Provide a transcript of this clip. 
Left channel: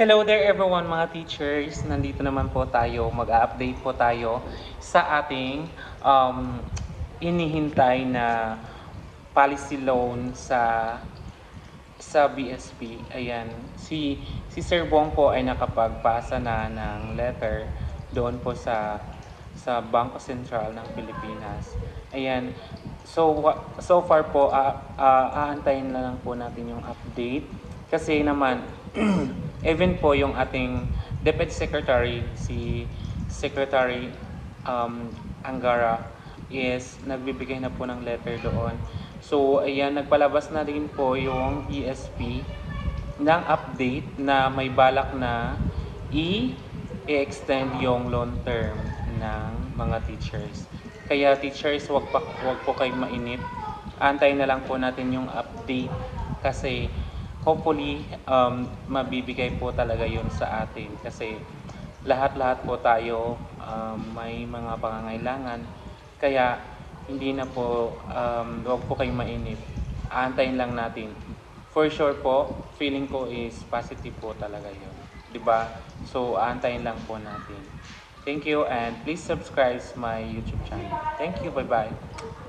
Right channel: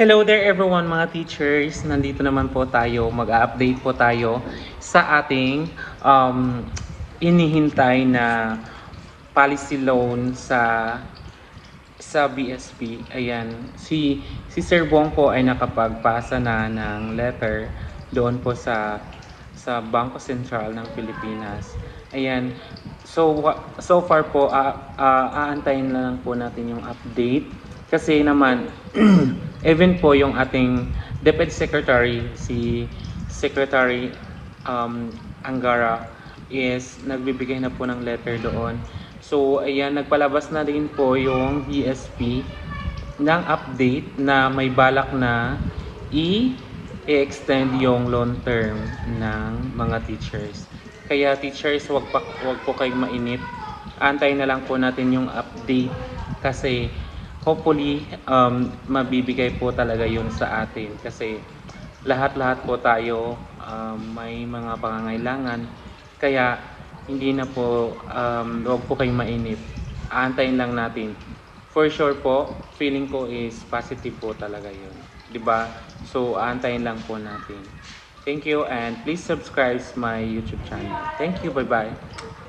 Hello there everyone mga teachers. Nandito naman po tayo, mag-update po tayo sa ating inihintay na policy loan sa BSP. Ayan, si Sir Bong po ay nakapagpasa na ng letter doon po sa Bangko Sentral ng Pilipinas. Ayan. So far po aantayin na lang po natin yung update kasi naman even po yung ating Deputy Secretary si Secretary Angara is nagbibigay na po ng letter doon. So ayan, nagpalabas na rin po yung BSP ng update na may balak na i-extend yung loan term ng mga teachers. Kaya teachers, wag po kayong mainip. Antayin na lang po natin yung update kasi hopefully mabibigay po talaga yun sa atin kasi lahat-lahat po tayo may mga pangangailangan. Kaya hindi na po wag po kayong mainip. Aantayin lang natin. For sure po, feeling ko is positive po talaga yun. 'Di ba? So, aantayin lang po natin. Thank you and please subscribe my YouTube channel. Thank you. Bye-bye.